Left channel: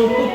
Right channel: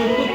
শুরু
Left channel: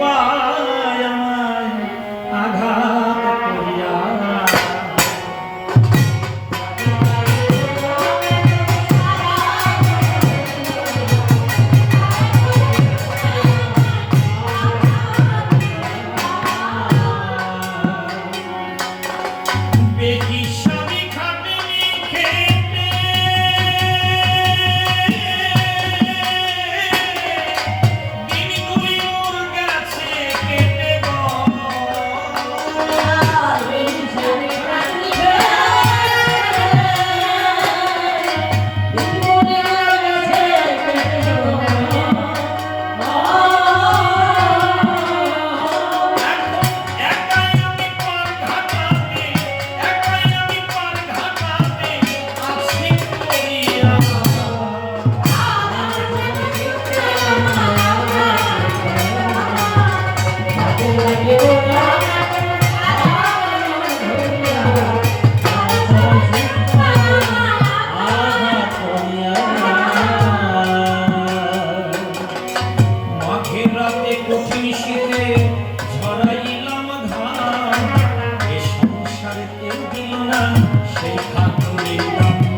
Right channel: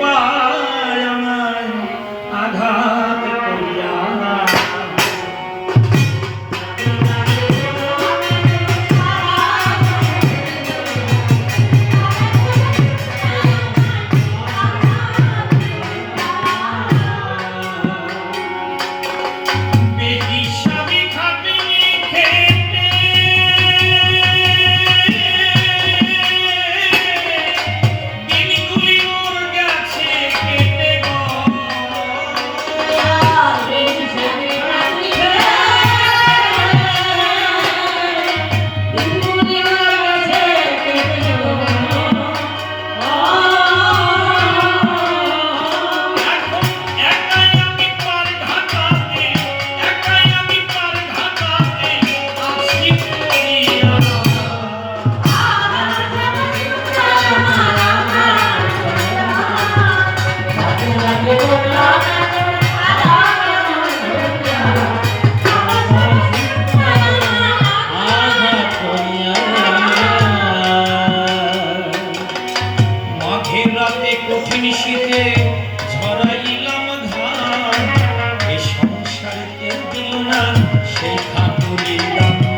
না সে ঠাকুরের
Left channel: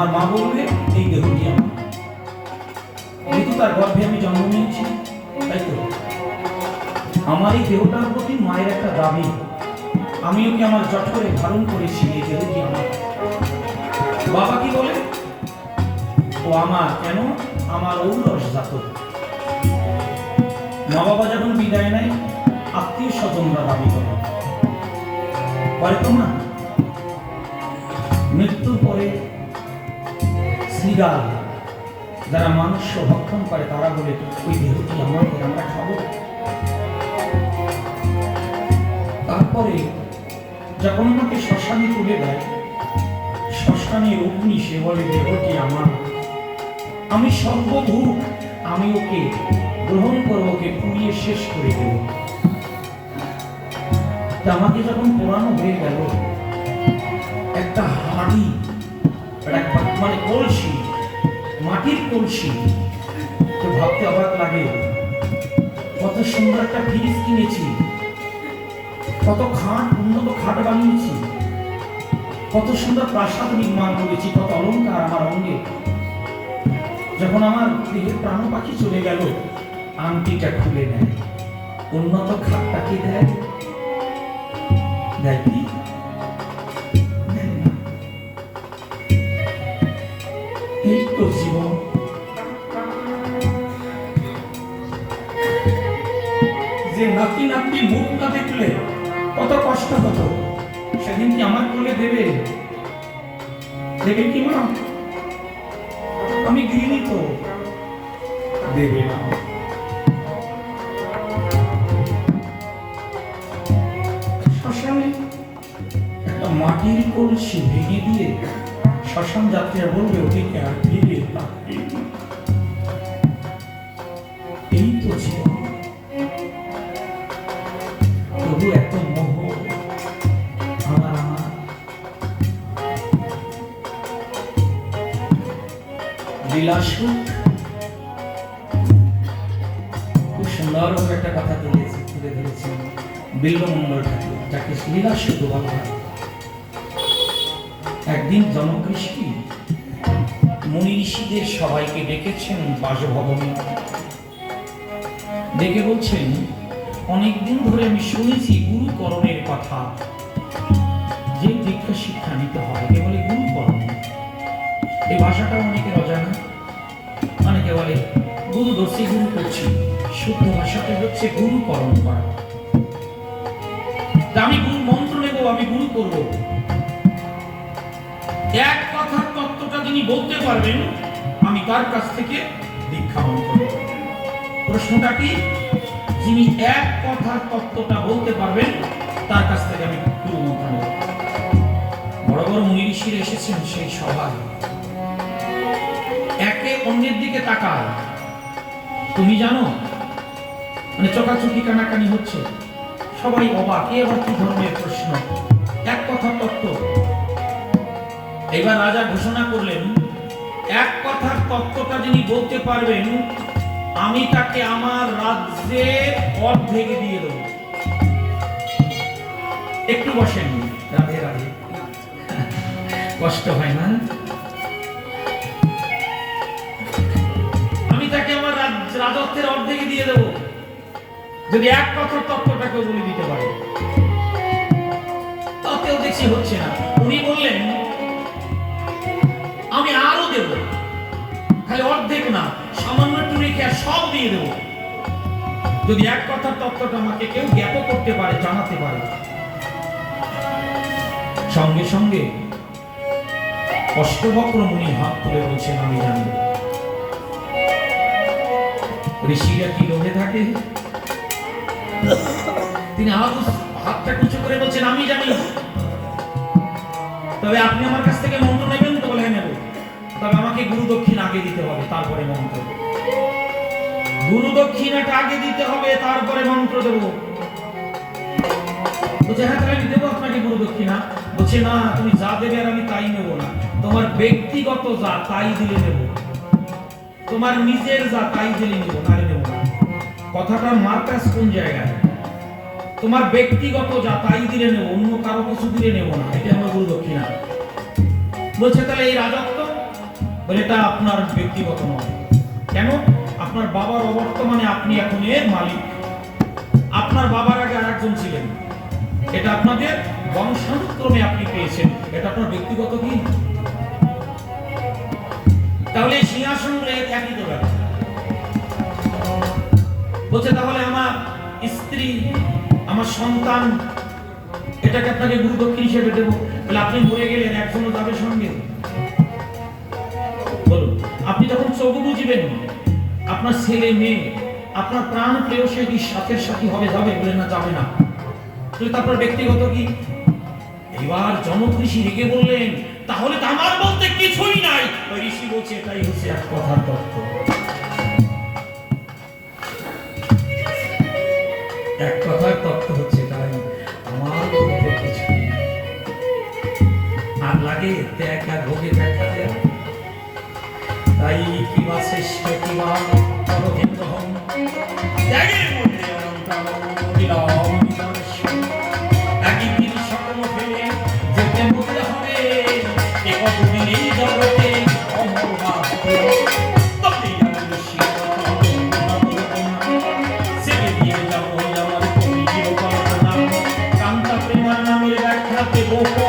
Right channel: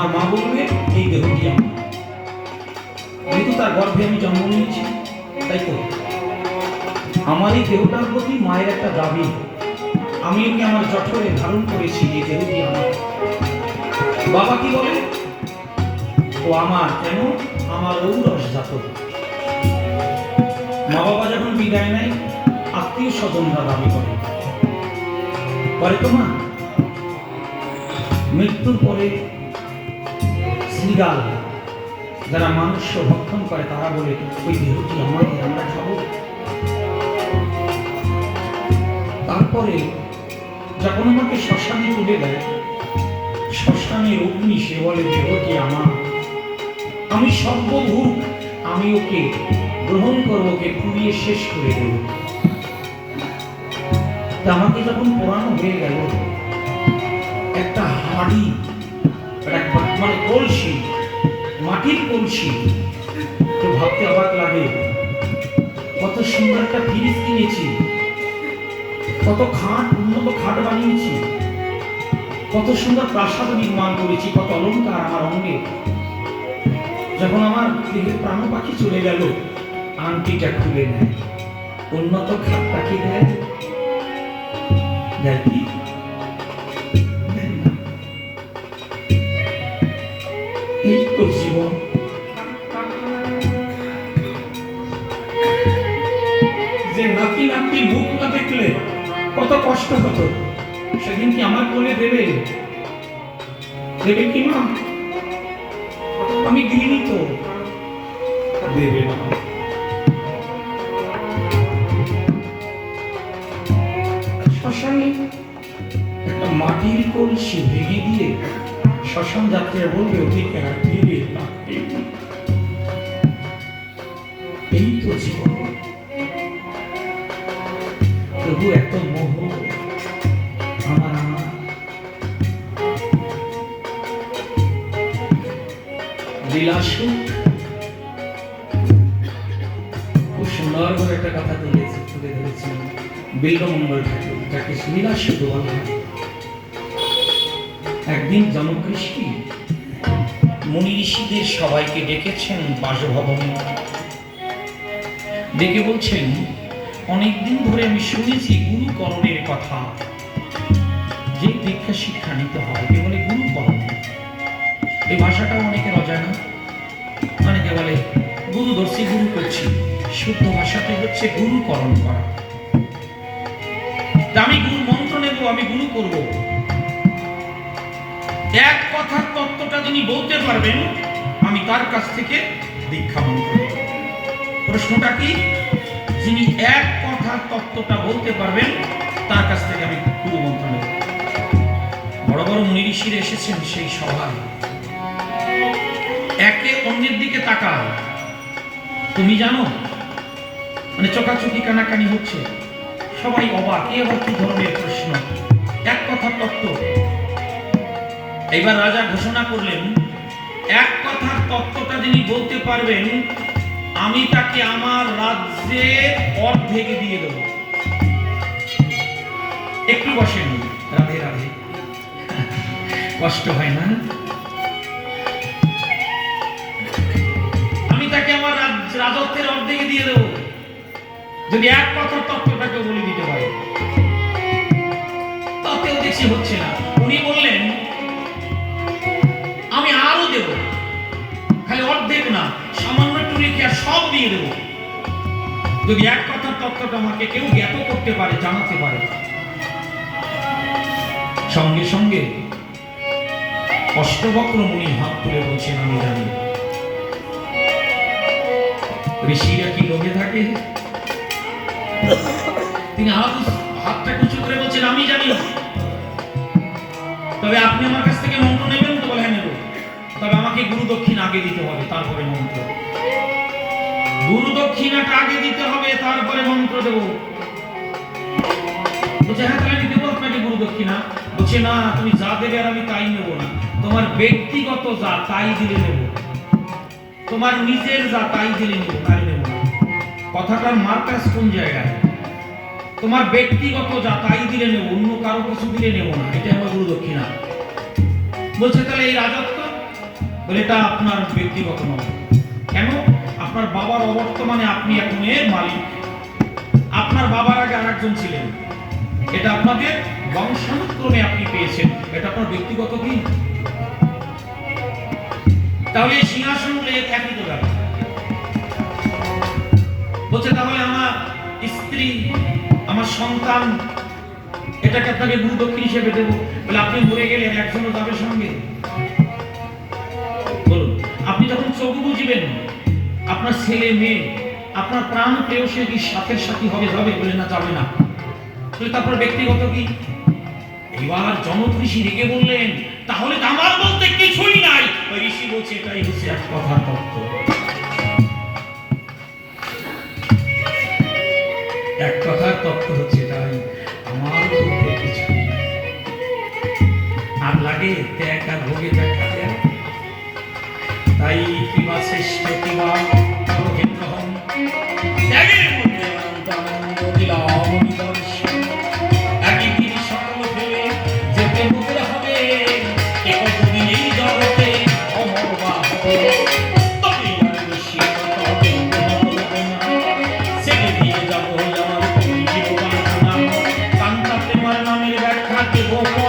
আমার মা বলবে এই দেহটি আমার যেহেতু তার গর্ভে আমি জন্ম নিয়েছি, তাই তো? আমার এই দেহটার প্রতি মায়ের একটা দাবি। আমি ওকে আমার জট করে ধারণ করেছি এই দেহটি আমার? বাবা কি বলে? ও আমার কেন? আমার ঔরস জাত। মা বাবা যখন বিদায় নেয়, আত্মীয় স্বজনরা দাবি করে। বলে তো মা, মৃত্যুর পরে শ্রীগাল যারা মানুষ ভক্ষণ করে, তারা বলে ওই দেহটি আমাদের আমরা খাব। তারপরে যখন আমাকে শ্মশানে তুলে দেয়, শ্মশানের অগ্নি, সে বলে দেহটি আমার। আমি সর্বভূত আমি ওকে গ্রহণ করব, ওকে পুড়িয়ে শেষ করে দেব। আমাকে যখন পোড়ানো হয়ে গেল, একটা হাড়ি মানে কলসি মাটির কলসি। তো ভাবতে অবাক লাগে। কত সুন্দর একটা ফ্রিজ কিনেছি। কত খাট, উন্নত খাট বানিয়েছি। কত সুন্দর প্রাসাদ নির্মাণ করেছি, কত অলংকার আমার অঙ্গে। যখন আমার দেহের প্রাণ পাখি চলে গেল, আংটিটা খুলে নেয়। উন্নত খাটটা কি দেয়। দেয় কি? কত কষ্ট হতো। সেদিন কি আমার কোলে দেবে? দেবে কি না আমি দিইনি দেবে না। মাটির কলসি ভেঙে দিয়ে শ্মশান যাত্রীরা বলবে, ওদিকে আর ফিরে তাকাবে লীলাসু খুব সুন্দর করে একটা কথা তুলে একদিন জনকৃষ্টি মুনি ঋষিদের সবাইকে ডেকেছেন বাসভবনে। ডেকে বলছেন, অনেকদিন ধরে আমি শুনেছি গুরুকরণের কথা। যে দীক্ষা শিক্ষা নিতে হয় একে বলে গুরুকরণ। এই ভাষাটা অনেকে বলে, গুরু দর্শী, গুরু করছি। শুদ্ধ ভাষাটা হচ্ছে গুরুকরণ করা আমি গুরু মন্ত্র নেব, আমি গুরু করব। এক কথার তত্ত্বটা যিনি বলতে পারবেন, আমি তার কাছ থেকে দীক্ষা মন্ত্র প্রশ্নটা কি? যিনি এক কথার তত্ত্বটা বলতে পারবেন, তার কাছ থেকে আমি গুরু মন্ত্র নেব। বড় বড় মুনি ঋষিরা এসেছেন সেই সভায়। অন্যের দিকে তাকায় তুমি জানো মানে চোখাচোখি কানাকানি হচ্ছে। সবাই অবাক, এ আবার কি ধরনের প্রশ্ন? এক কথা তত্ত্ব। এবার রাজা ঘোষণা করলেন, এক কথার তত্ত্বটা যিনি বলতে পারবেন, আমি তাকে আমার রাজ্যে অর্ধেক দিয়ে দেব। একটু বসেন। রাধে রাধে। কষ্ট হয় না? রাজত্বের অর্ধেকে দিয়ে দেব। যদি এক কথার তত্ত্বটাকে বলে দিতে পারে। তাতেও দেখছি হচ্ছে না। উনি বললেন, আমি আরও দেব। খালি অর্ধেক না, সামান্য রেখে সব দিয়ে দেব। যদি এক কথার তত্ত্বটা আমাকে কেউ জ্ঞাত করতে পারে, জানাতে পারে। সঙ্গে সঙ্গে অষ্টবক্র মুনি হাত তুলে বলছেন, আমি জানি। ঋষিরা কি লোভে থাকে? তিনি হাত হাতটা উঁচু করে বলছেন, আমি জানি তবে আপনি আমার কাছ থেকে মন্ত্র নেবেন তো বলে নেব। তবে আমাকে গুরু দক্ষিণ আগে দিতে হবে, তারপরে মন্ত্র। গুরু দক্ষিণাটা আগে দিতে হবে, তারপরে মন্ত্র দেব। বলছে হ্যাঁ তাহলে আমি দেবো আপনাকে গুরু দক্ষিণা। বলছে, না, তুমি যা দেবে আর আমি তাই নেব না। তোমার ব্যক্তিগত যা, তাই দিলে নেব তোমার নিজের যা তাই দিলে নেব তাই নেব না। কথাটার মার্কাস কোন জায়গায়? তোমার ব্যক্তিগত যা তাই দিলে নেব, অন্য কারও কিছু দিলে নেব না। এটা আমার গুরু দক্ষিণা। বলছে, তাহলে এই রাজত্ব? বলে, এটা আপনার ব্যক্তিগত নয়। কেন? আপনার বাবার অবর্তমানে আপনি এখন এর মালিক। আপনার বাবার আগে আর একজন ছিলেন। এটা আপনাদের বংশানুক্রমে আপনি পেয়েছেন। এটা আপনার ব্যক্তিগত কি? তাহলে সিংহাসন এক দিতে পারে বলছে, তাহলে আমার স্ত্রী, আমার সন্তান, এটাকে আপনাকে গুরু দক্ষিণ হিসেবে দেবো। আপনি মরে গেলেন, একজনও যাবে সঙ্গে। আপনি যখন চোখ বুঝবেন, আপনার ছেলে, মেয়ে, আপনার প্রাণ প্রিয় সে কি সাথে সাথে হবে যাবে বলে না, যাবে না। তারপর ব্যক্তিগত কি? এবার জনকৃষি রেগে বললেন তাহলে আমার বলতে কিছুই নাই। ঋষি বলছে এটাই হচ্ছে এক কথার তত্ত্ব। Thank you.